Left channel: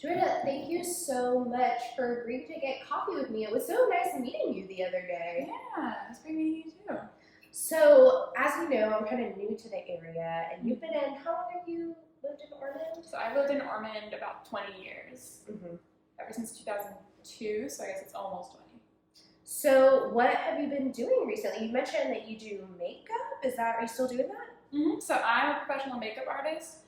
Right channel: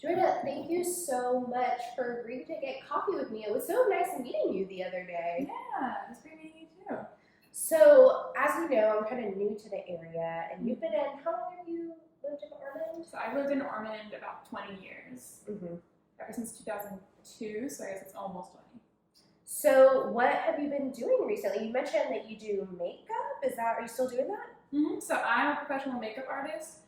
Joanna, thank you so much for agreeing to get coffee with me. It was so nice meeting you the other day. Yeah, it's great meeting you too. So, as you know, I'm kind of new to the area, and you've been in, how long have you lived in Ormond? So I've lived in Ormond about 20 years, Mm-hmm. ever since 2002, so I guess it's almost 20. So, what have you been doing recently? You mentioned that you do makeup. Are you still doing that? So I'm a professional makeup artist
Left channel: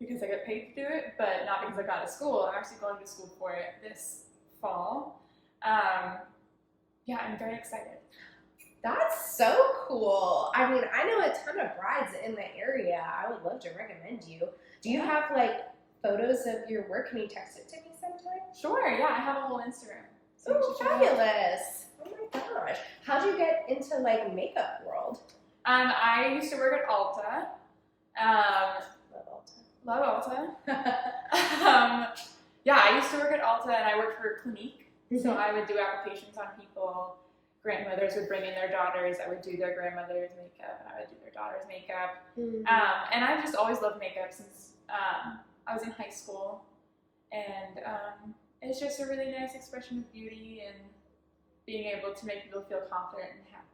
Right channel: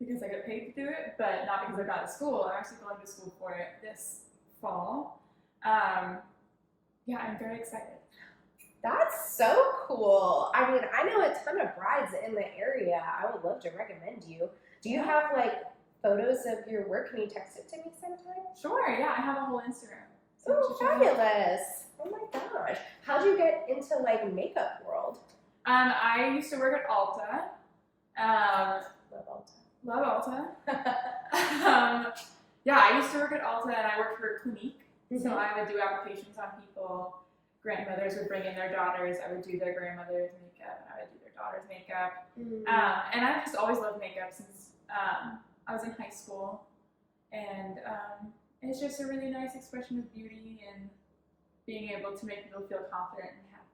because I get paid to do it, but not because I got to school. I'm actually going to school for it this fall. Yeah, I'm very excited. That's so cool. I mean, I know a ton of brides in the area. I would love to recommend you. Do you have like photos of your work? Can you text it to me sometime? Sure, yeah, I have a whole Instagram. So Oh, fabulous. Oh my gosh. How'd you get into like makeup world? I used to work at Ulta. Love Ulta. Love Ulta. Yeah, I used to work at Ulta and I worked for Clinique. Mm-hmm. So I would do applications on people. Grandmothers would bring in their daughters. I would do their grandmother's makeup and I would do their daughter's makeup. Mm-hmm. And I've just always loved makeup since I was in high school. And it's just a really nice expression of beauty and being able to make people feel confident and happy.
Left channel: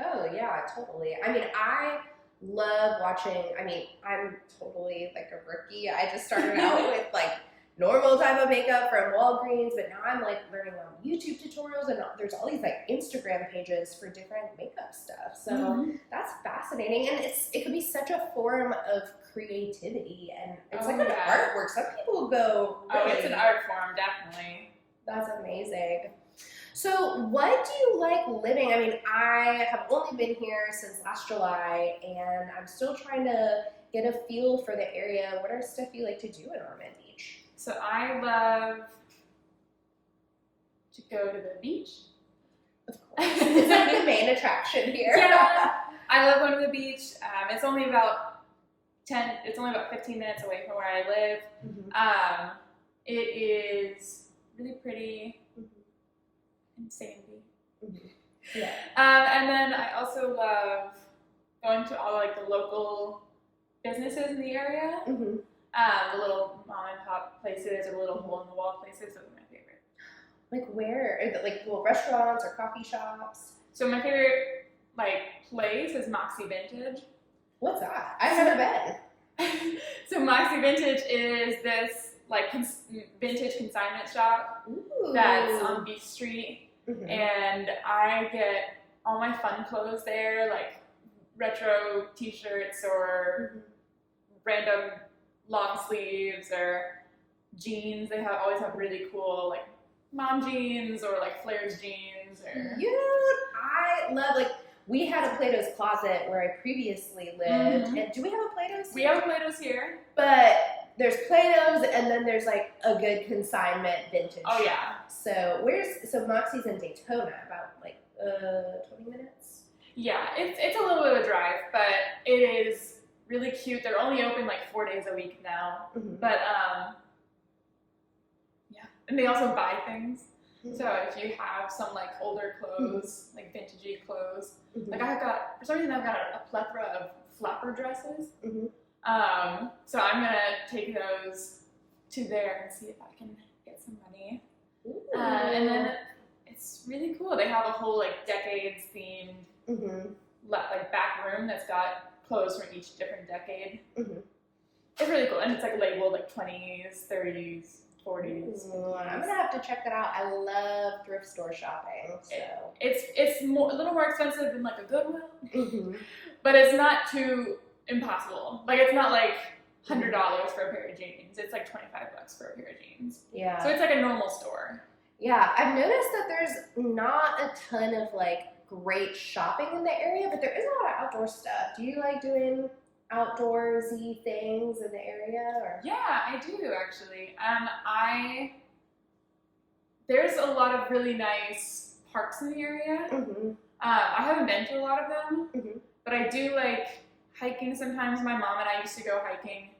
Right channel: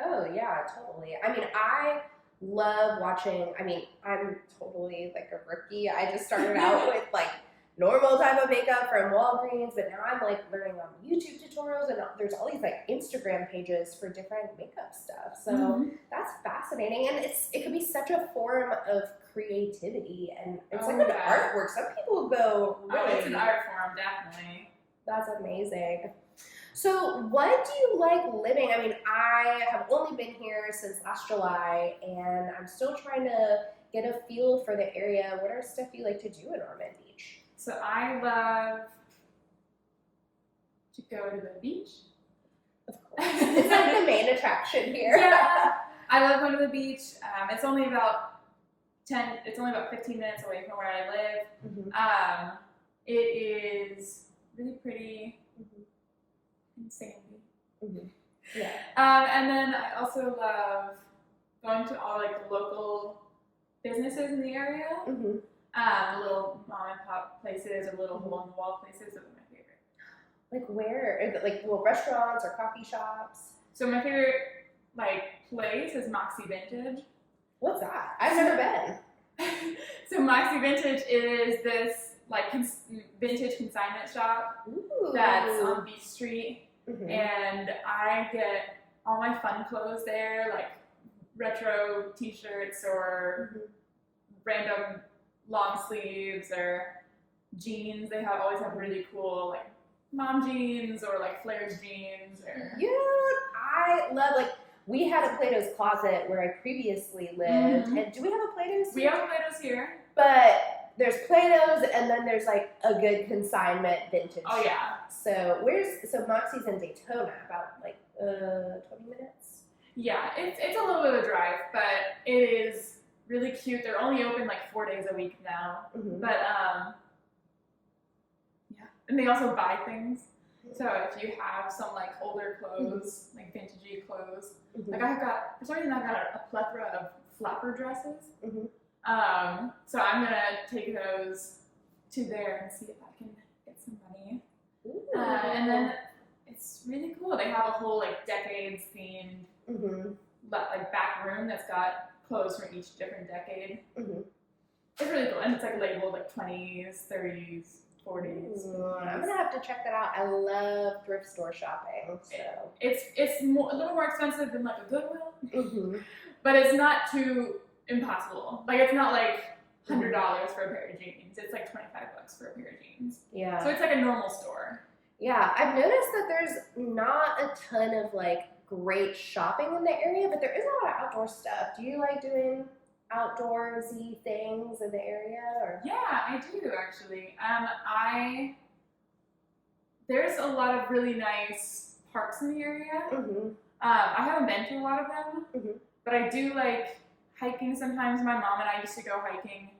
Oh, yeah, totally. I mean, I love watching. I mean, I'm totally like a rookie. I just started out with like normal type of makeup from Walgreens, but now I'm like learning on YouTube tutorials, and there's all these like Instagram pages for different makeup stuff. So that's fascinating, and it could be such a form of creativity, and it's like an artwork. Some people go, really, it's an art form, definitely. That's amazing. So what do you like living? I mean, I have only been here since last July, and I'm still trying to get a feel for the area. What are stuff you like to do in Ormond Beach? So I love to go to the beach. Of course. It's like the main attraction here. Yeah, I love going to the beach. It's only about 15 minutes away from where I live. Mm-hmm. It is really pretty and sandy. Mm-hmm. Yeah. And then I also love going to all like the local businesses in the area. Mm-hmm. The little mom and pop places or little hole in the wall places. Those are my favorite. Like where? Are like little restaurants or coffee shops? So my favorite like place is Moxie Vintage. What's that? I've never been. So Moxie Vintage is this like vintage consignment shop that's on Beach Street. Mm-hmm. And I get all my fun clothes there, like retro t-shirts or random long sleeves or jeans. They always have really cool like mom jeans or like flares jeans. Dude, I love, like, we had a Plato's Closet where I previously lived. And do we have a Plato's here? We have a Plato's here. But there's Plato's and then there's like a good consignment vintage shop. Yeah. So Moxie's in Daytona, about like 20 minutes? Yeah, it's a little bit of a drive, but it is really cute. They're only open like 4 days a week now. But yeah. And they also buy things. So if you have some like older clothes, like vintagey clothes, like for some reason I've got a plethora of flapper dresses. So I'm gonna take those to there and see if I can get some money. And then it's really cool. They have a whole like decades themed like back room that's got clothes from each different decade. It's really cool, and it's like labeled like 20s, 30s, 40s. I'm gonna have to check that out. I love thrift store shopping. So it's a little more expensive than like a Goodwill, but it's not too impossible. Like it's not like $100 for a pair of jeans. It's like $25 for a pair of jeans. Yeah. So it's like a normal store. Yeah, I've noticed that there's not a ton of like great shopping in the area, but there is a lot of outdoor stuff. Do you like doing outdoorsy things in the area? Or? Yeah, I do actually. There's a lot of really nice parks in the area. I haven't been to a lot of them, but I do like hiking sometimes. My mom and I used to go hiking,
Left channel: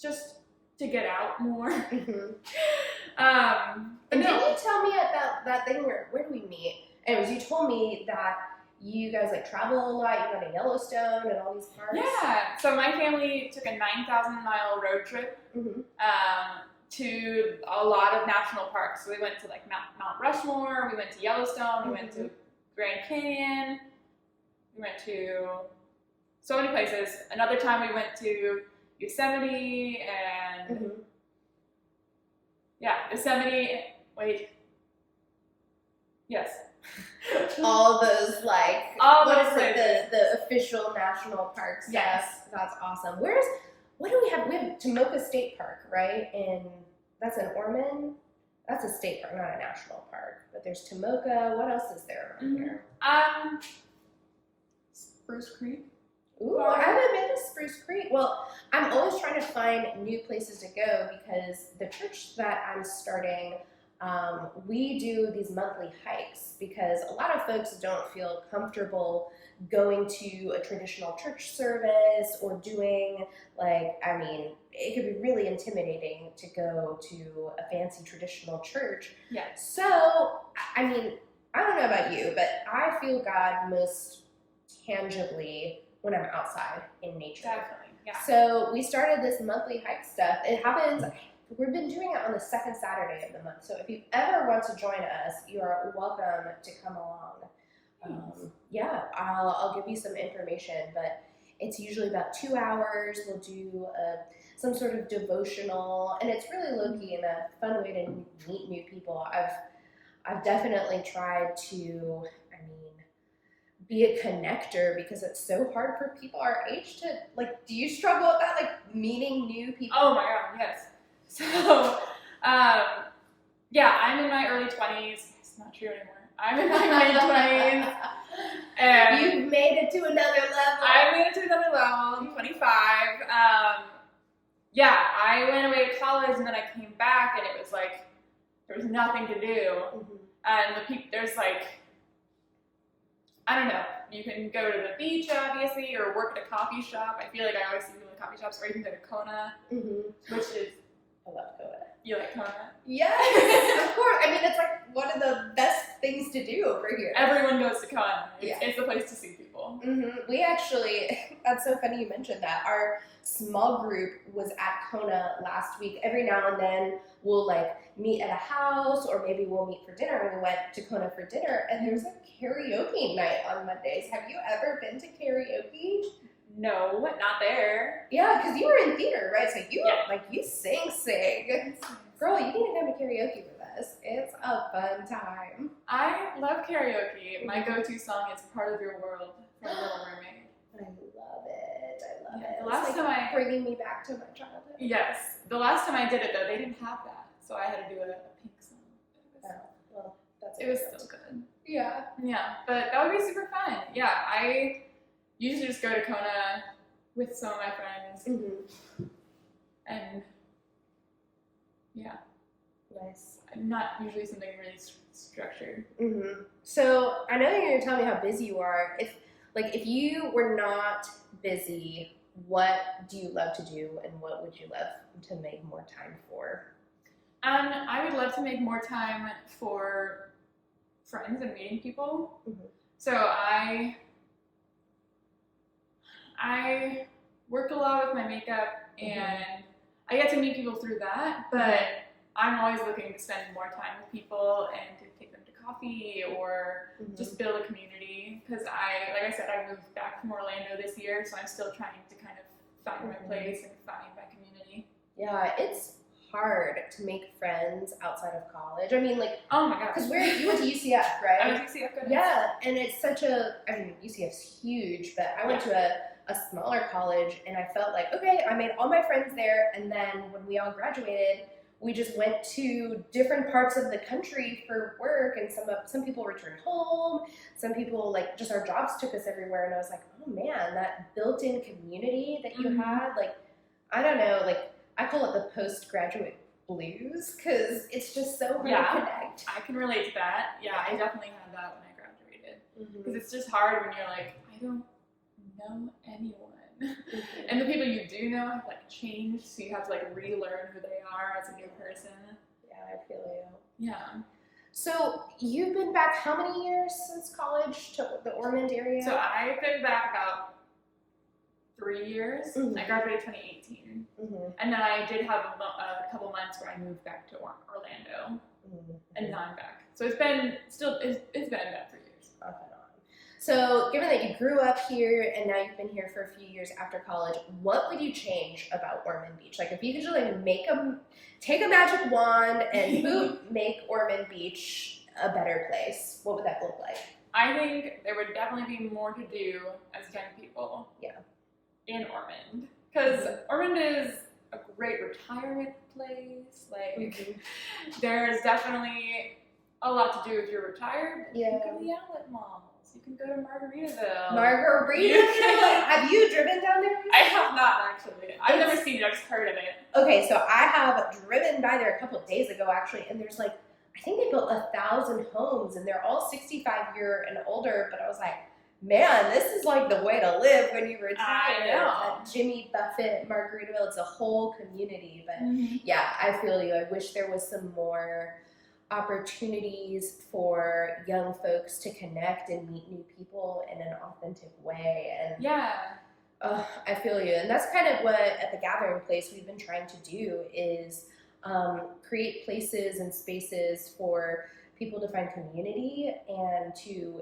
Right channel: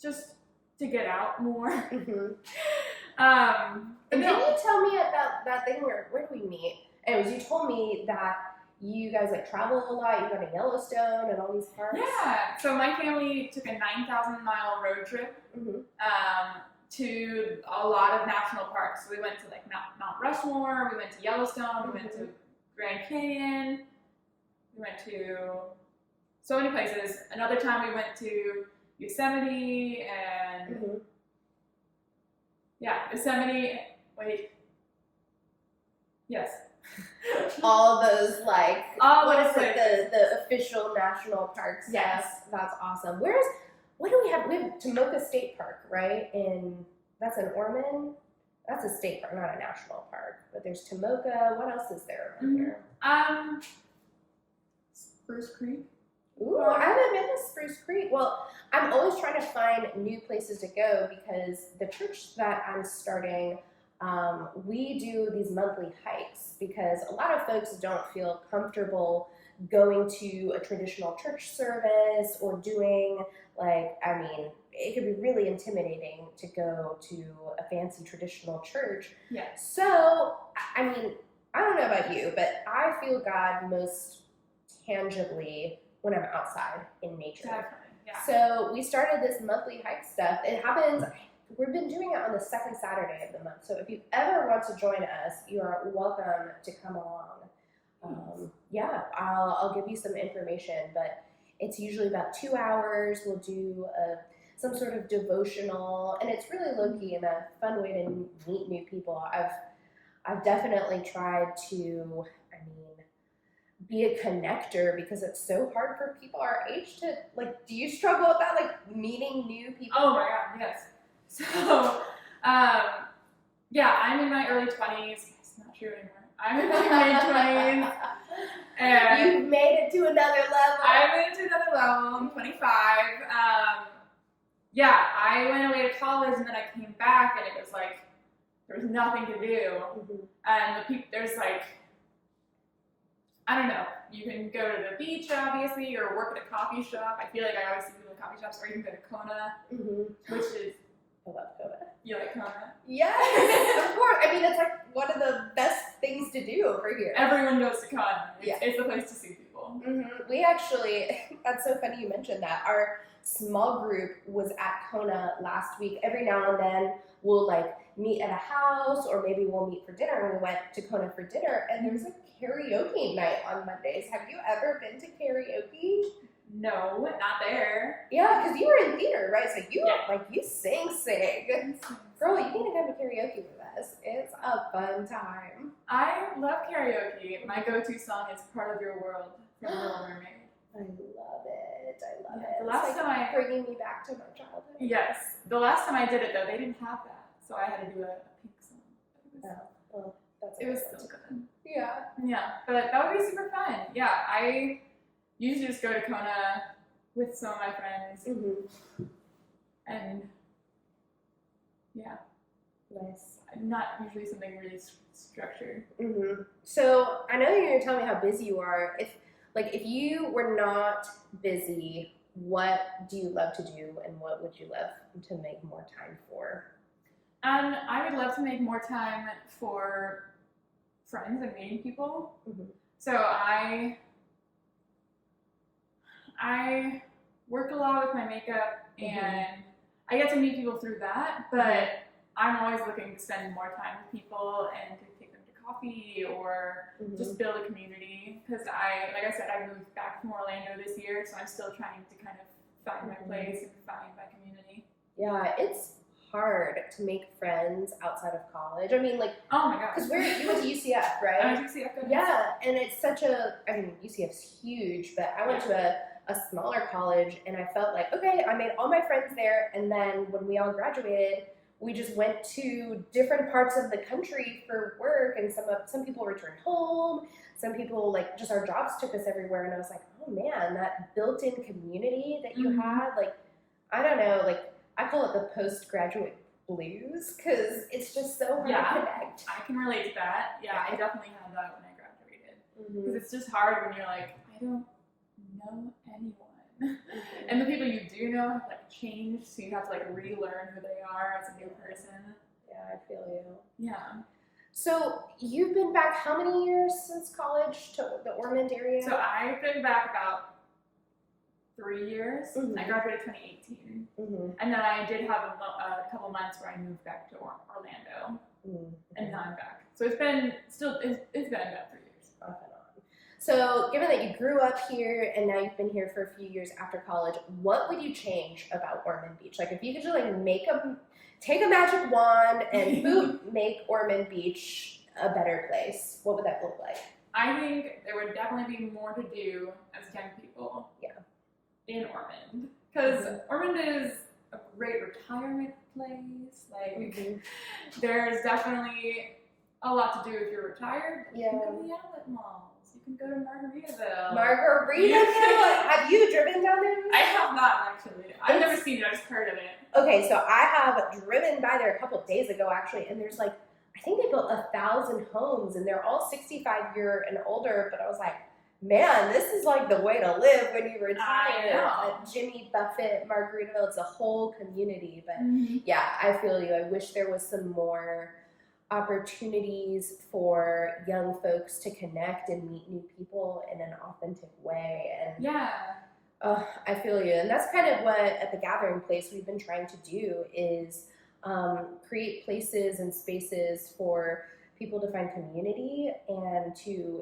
just to get out more. And didn't you tell me at that thing where did we meet? It was, you told me that you guys like travel a lot. You go to Yellowstone and all these parks. Yeah. So my family took a 9,000-mile road trip to a lot of national parks. So we went to like Mount Rushmore. We went to Yellowstone. We went to Grand Canyon. We went to so many places. Another time we went to Yosemite and Yosemite. Wait. Yes. All those like what is it, the official national park stuff. Yes. That's awesome. What do we have? We have Tomoka State Park, right? That's in Ormond. That's a state park, not a national park. But there's Tomoka. What else is there around here? Spruce Creek. Ooh, I haven't been to Spruce Creek. Well, I'm always trying to find new places to go because the church that I'm starting, we do these monthly hikes because a lot of folks don't feel comfortable going to a traditional church service or doing it could be really intimidating to go to a fancy traditional church. Yeah. So, I don't know about you, but I feel God most tangibly when I'm outside in nature. Definitely, yeah. So we started this monthly hike stuff. It happens, we've been doing it on the second Saturday of the month. So if you ever want to join us, you are welcome to come along. I'll give you some information, but it's usually about 2 hours. We'll do some sort of devotional, and it's really low-key and a fun way to meet new people. I've definitely tried to, be a connector because it's so hard for people our age to, do you struggle with that, meeting new people? Oh my God, yes. So, I'm in my early 20s. It's not true anymore. I'm in my mid-20s. And you've made it to another level. I made it to another level. I'm 25. I went away to college and then I came back and it was like, there was nothing to do. And there's I don't know, you can go to the beach, obviously, or work at a coffee shop. I feel like I always see people in coffee shops, or you can go to Kona, which is... I love Kona. You like Kona? Yes, of course. It's one of the best things to do over here. Everyone goes to Kona. It's the place to see people. We actually, that's so funny you mentioned that. Our small group was at Kona last week. Every now and then we'll meet at a house or maybe we'll meet for dinner. And we went to Kona for dinner and there was a karaoke night on Mondays. Have you ever been to karaoke? No, not there. Yeah, because you were in theater, right? So you sing. Girl, you need to come to karaoke with us. It's a fun time. I love karaoke. My go-to song is Part of Your World from Little Mermaid. I love it. The last time bringing me back to my childhood. Yes. The last time I did it, though, they didn't have that. So I had to do a pink song. It was still good. Yeah. Yeah, but that would be super fun. Yeah, I usually just go to Kona with some of my friends. And nice. Not usually something really structured. So I know you're going to tell me how busy you are. If you were not busy, what do you love to do and what would you love to make more time for? I would love to make more time for friends and meeting people. So I work a lot with my makeup and I get to meet people through that, but I'm always looking to spend more time with people and to take them to coffee or just build a community because like I said, I moved back from Orlando this year, so I'm still trying to kind of find my place and find my community. Yeah, it's hard to make friends outside of college. Oh my God. Because you went to UCF, right? I went to UCF. Yeah, and it's such UCF's huge, but I went to a smaller college and I felt like, okay, I made all my friends there, and then when we all graduated, we just went to different parts of the country for work, and some people returned home, some people just our jobs took us everywhere, and I was like, oh man, that built-in community that you had, I don't know, I call it the postgraduate blues because it's just so hard to connect. I can relate to that. Yeah, I definitely had that when I graduated because it's just hard when you're like, I don't know anyone. And the people you do know have changed, so you have to relearn who they are as a new person. Yeah, I feel you. Yeah. So you've been back how many years since college to the Ormond area? So I've been back about 3 years. I graduated 2018. And then I did have a couple months where I moved back to Orlando. And now I'm back. So it's been about 3 years. Off and on. So given that you grew up here and now you've been here for a few years after college, what would you change about Ormond Beach? Like if you could just like take a magic wand and make Ormond Beach a better place, what would that look like? I think there would definitely be more to do as young people. Yeah. In Ormond, because Ormond is a great retirement place. Like, there's definitely a lot to do if you're retired. Yeah. You can go to the outlet malls. You can go to Margaritaville. Margaritaville? Have you driven down there recently? I have not, actually. I've never seen it. I've just heard of it. Okay, so I have driven by there a couple of days ago, actually, and there's like, I think they built 1,000 homes, and they're all 65-year and older, but I was like, man, this is like the way to live when you retire. Jimmy Buffett, Margaritaville, it's a whole community. But yeah, I feel you. I wish there was some more opportunities for young folks to connect and meet new people in an authentic way. And I feel you. And that's kind of what at the Gathering Place we've been trying to do is create places and spaces for people to find community and to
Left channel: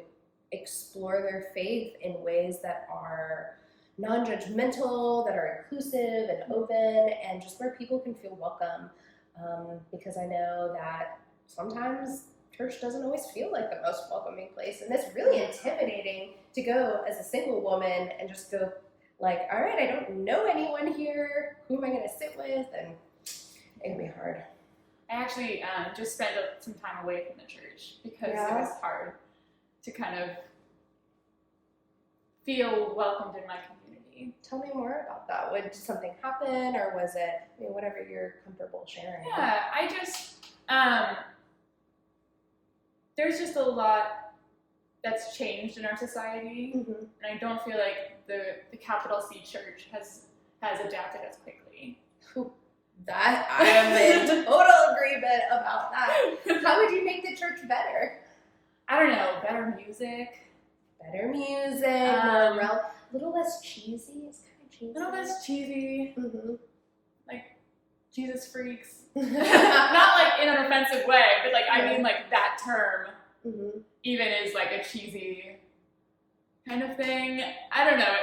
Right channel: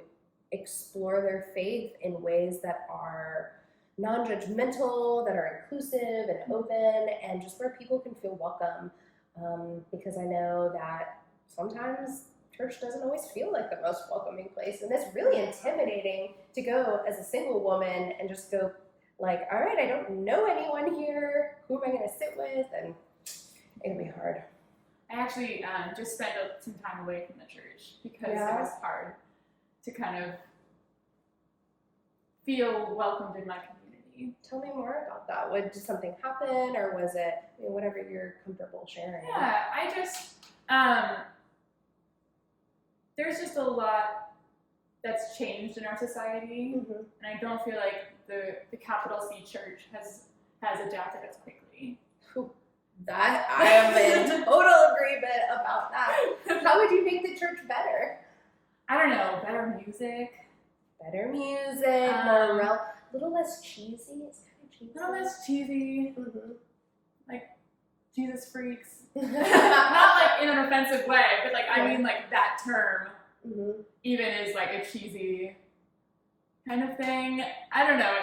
explore their faith in ways that are non-judgmental, that are inclusive and open, and just where people can feel welcome. Because I know that sometimes church doesn't always feel like the most welcoming place, and it's really intimidating to go as a single woman and just go like, all right, I don't know anyone here. Who am I going to sit with? And it can be hard. I actually just spent some time away from the church because it was hard to kind of feel welcomed in my community. Tell me more about that. Did something happen, or was it whatever you're comfortable sharing? Yeah, I just there's just a lot that's changed in our society, and I don't feel like the capital C church has adapted as quickly. That I am in total agreement about that. How would you make the church better? I don't know, better music. Better music, more a little less cheesy. It's kind of cheesy. A little less cheesy. Like Jesus freaks. Not like in an offensive way, but like I mean like that term even is like a cheesy kind of thing. I don't know.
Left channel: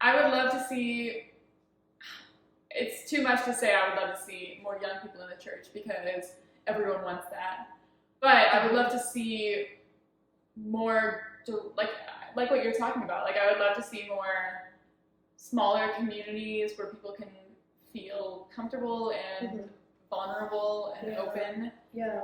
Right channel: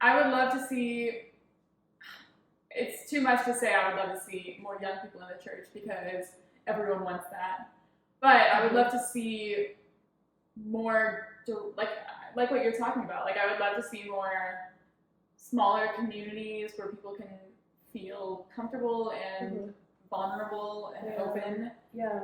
I would love to see. It's too much to say I would love to see more young people in the church because everyone wants that. But I would love to see more, like what you're talking about. Like I would love to see more smaller communities where people can feel comfortable and vulnerable and open. Yeah.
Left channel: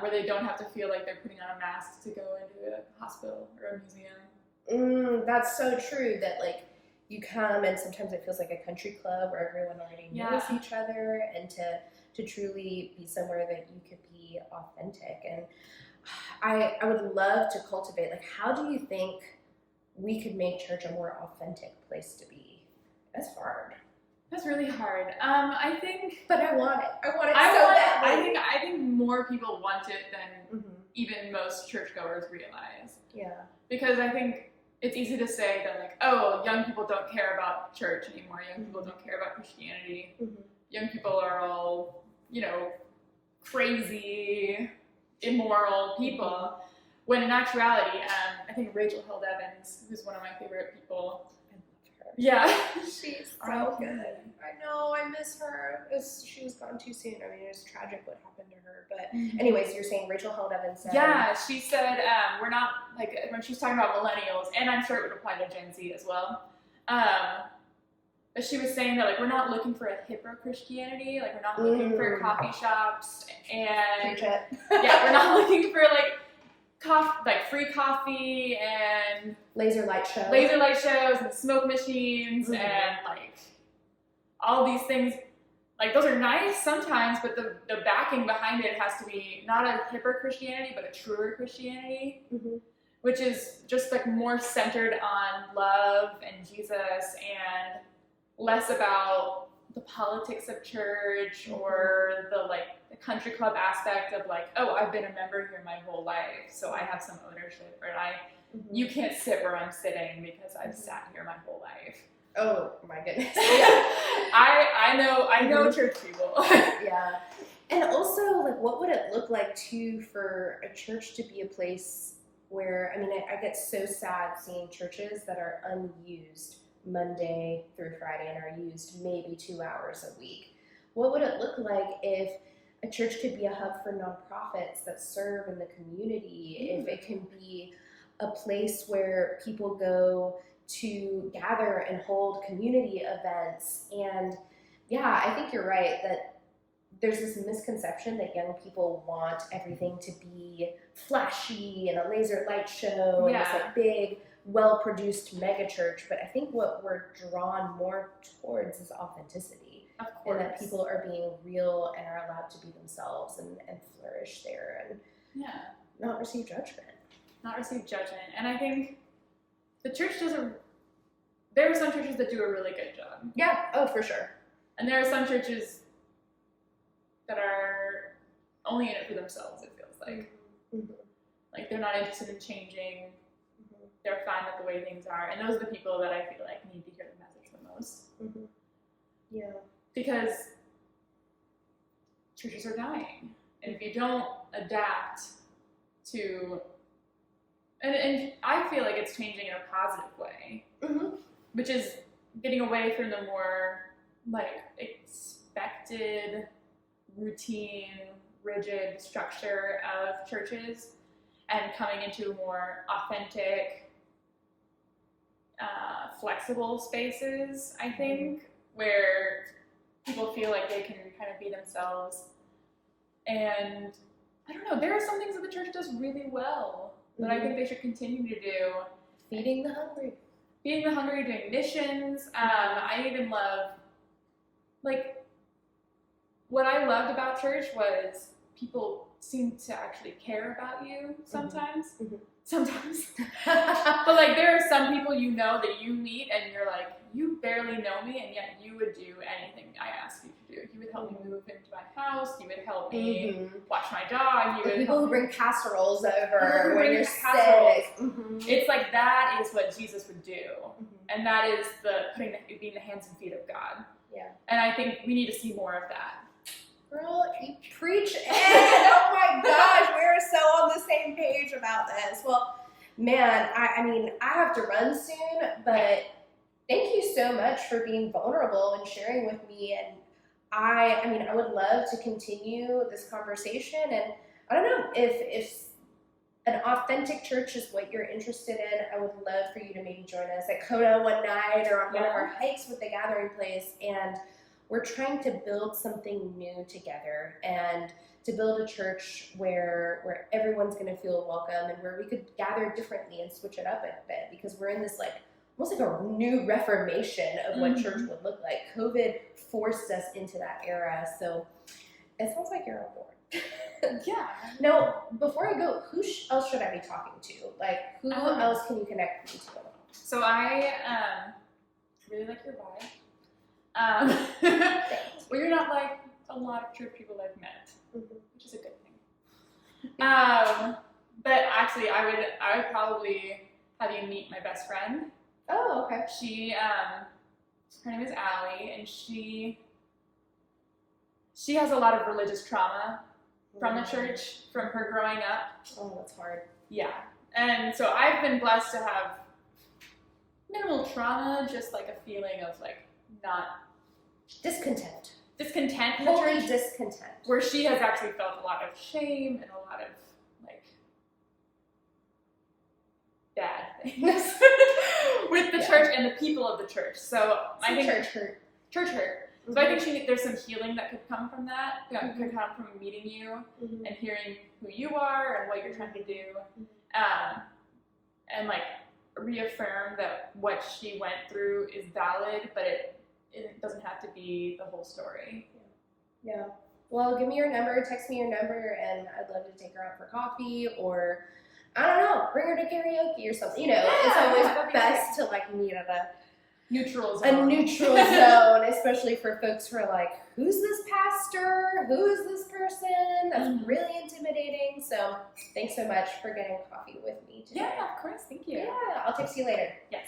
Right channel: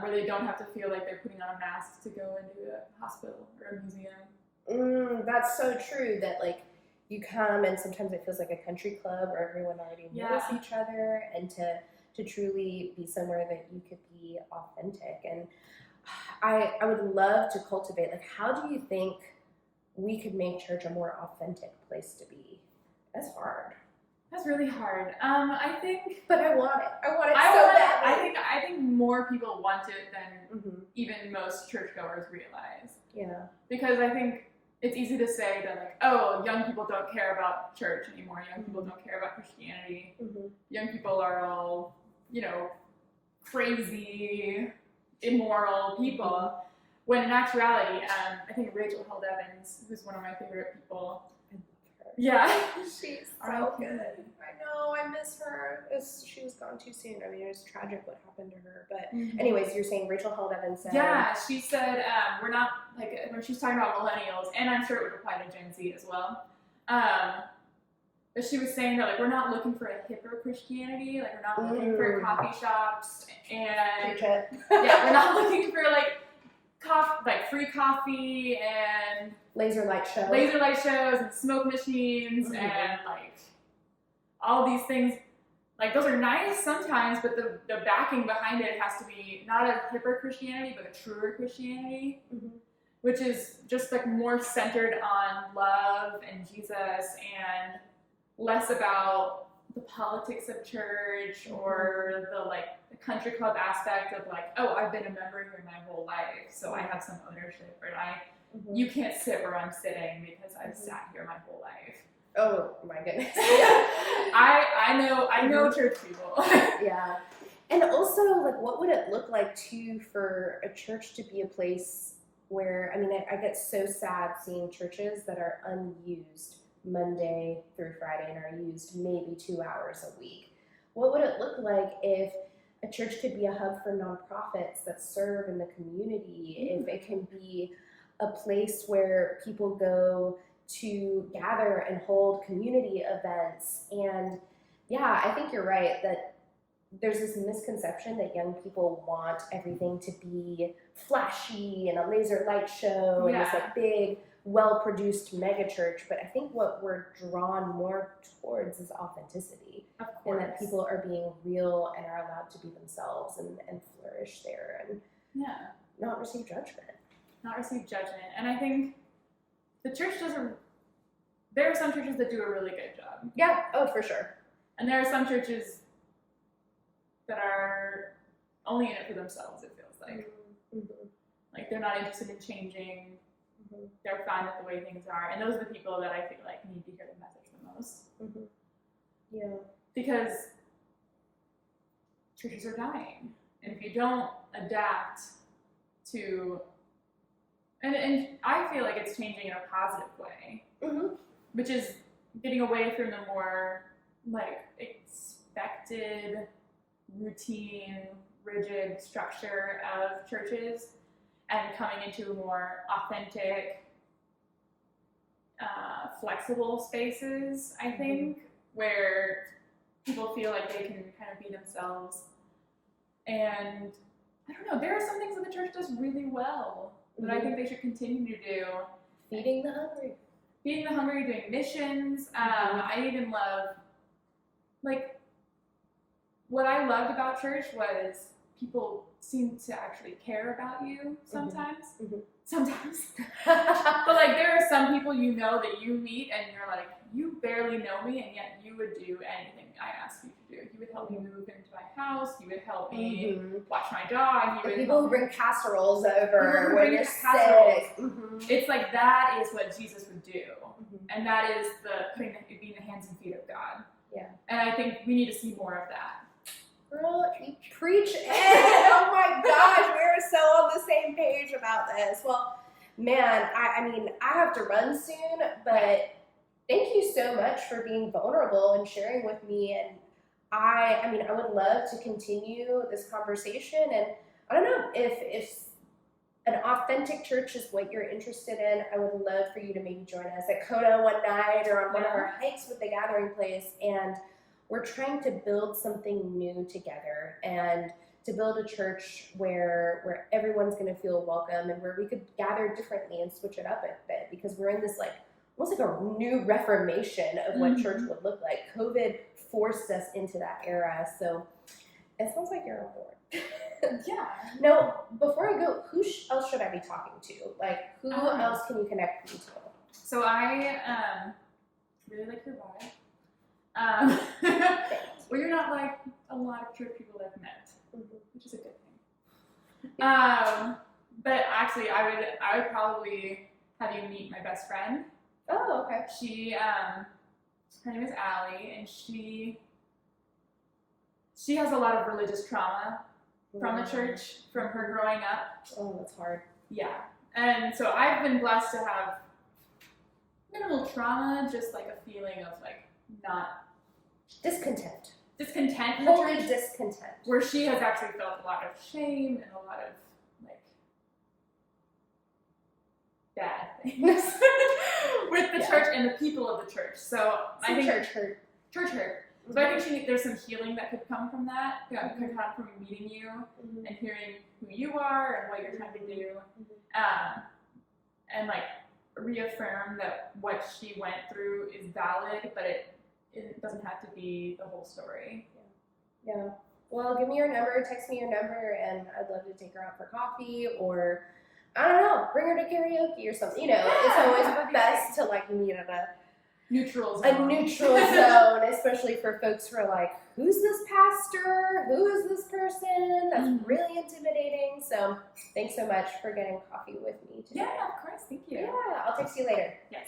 Where they don't have to feel like they're putting on a mask to go into a hospital or a museum. That's so true that like you come and sometimes it feels like a country club where everyone already knows each other, and to truly be somewhere that you could be authentic. And I would love to cultivate, like, how do you think we could make church a more authentic place to be? That's hard. That's really hard. I think, but I want it. I want it so badly. I think more people want it than even most churchgoers realize. Yeah. Because I think it's easy to say that, like, oh, young people don't care about church anymore. Young people don't care about Christianity. Young people are all, crazy, immoral people. When in actuality, I think Rachel Held Evans, who's one of my favorite people. I love her. Yeah. She's so good. I know, I miss her. She was gone too soon. I mean, it was tragic what happened to her. But anyways, you're saying Rachel Held Evans said... Yeah, she said, we're not, like, when she's talking about millennials, and I'm sure it would apply to Gen Z as well, but she was saying that, like, we're not looking for a hipper Christianity. Like, we're not looking for coffee shops and... Yeah, we're not looking for, free coffee and... Laser light shows and smoke machines and, all these things. Like, those are nice sometimes, but the backing behind it has to be not a hipper Christianity, but a truer Christianity, which is just, more centered on love and Jesus and less about the the politics of church or the the country club aspect of oh, I've been a member here my whole life, so I have some ownership, or you can't sit where I'm sitting because I've sat here my whole life. Oh my goodness. Yeah. I know church people. Yeah. And also, what would it look like too for a church to be a place where, I get so sad seeing churches that are unused Monday through Friday and are used maybe 2 hours a week. What would it look like if a church could be a hub for nonprofits that serve in the community? If it can be a place where people go to gather and hold community events. And yeah, I think you're right that there's this misconception that young people want everything to be flashy and a laser light show and this big, well-produced mega church. But I think what we're drawn more towards is authenticity, and that people are being real and are allowed to be themselves and flourish there and not receive judgment. And I think the church there are some churches that do a really good job. Yeah, oh, for sure. And there are some churches that are only in it for themselves, it feels like. Mm-hmm. They're not interested in changing. Mm-hmm. They're fine with the way things are. And those are the people that I feel like need to hear the message the most. Mm-hmm. Yeah. Because churches are dying. And if you don't adapt to... And I feel like it's changing in a positive way. Mm-hmm. Which is getting away from the more, expected, routine, rigid structure of churches and coming into more authentic, flexible spaces, I think, where people feel like they can kind of be themselves. And I don't know, there are some things that the church does really well that I think they should continue to do. Feeding the hungry, doing missions. I even love, what I loved about church was people seem to actually care about you sometimes. Mm-hmm. Sometimes. But there are some people that you meet and you're like, you barely know me, and yet you would do anything I asked you to do. You would help me move into my house. You would help me watch my dog. People who bring casseroles over when you're sick. Mm-hmm. It's that is what Jesus would do. Mm-hmm. And that is being the hands and feet of God. Yeah. And I think we need to see more of that. Girl, you preach it. Oh my gosh, we're so on the same page about this. Well, man, I have to run soon, but thank you so much for being vulnerable and sharing with me. And I would love to continue this conversation. And I don't know if an authentic church is what you're interested in, I would love for you to maybe join us at Coda one night or on one of our hikes with the Gathering Place. And we're trying to build something new together and to build a church where everyone's going to feel welcome and where we could gather differently and switch it up a bit, because we're in this almost like a new reformation of what church would look like. COVID forced us into that era, so it sounds like you're on board. Yeah. Now, before I go, who else should I be talking to? Who else can you connect me to? So I really like your vibe. Well, you're not like a lot of church people I've met, which is a good thing. But actually, I would probably have you meet my best friend. Oh, okay. Her name is Allie, and she has a lot of religious trauma from the church, from her growing up. Oh, that's hard. Yeah. And so I've been blessed to have minimal trauma, just a feeling of not discontent in the holy church, discontent, where she has actually felt a lot of shame and a lot of bad things with the church and the people of the church. So I think church hurt. Mm-hmm. So I think there's some healing that could come from that. Could come from meeting you and hearing who you are and what you're trying to do, and reaffirm that what she went through is valid, but it doesn't have to be the whole story. Yeah. Well, give me your number, text me your number, and I'd love to take her out for coffee, or I don't know, bring her to karaoke or something. It's always best to meet at neutral a zone. neutral zone, especially for folks who are like, who's this pastor? Who is this person? That's really intimidating. So thanks so much for getting coffee with me today. Yeah, of course. Thank you. Yeah, I'll text you later. Yes.